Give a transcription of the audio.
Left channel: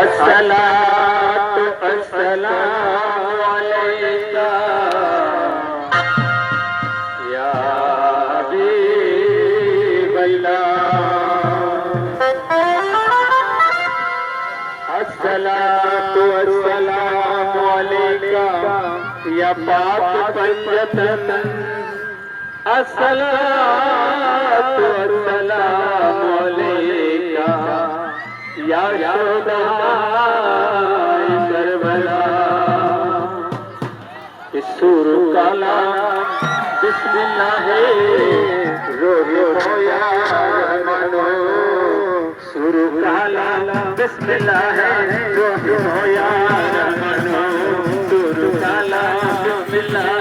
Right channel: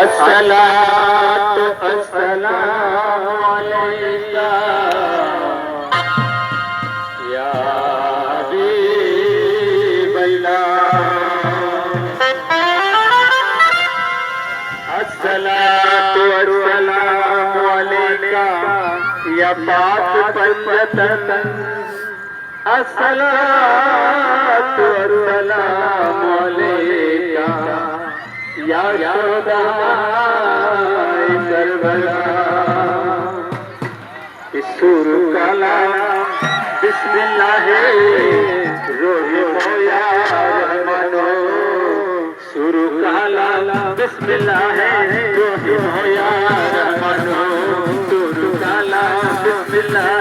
अस्सलातु अस्सलामु अलैका या हबीबल्लाह। अस्सलातु अस्सलामु अलैका या पाक पंजतन। अस्सलातु अस्सलामु अलैका या शोदाई करबला। सुर काला बिस्मिल्लाह रोया रहमानो। सुर काला बिस्मिल्लाह रोया रहमानो। सुर काला बिस्मिल्लाह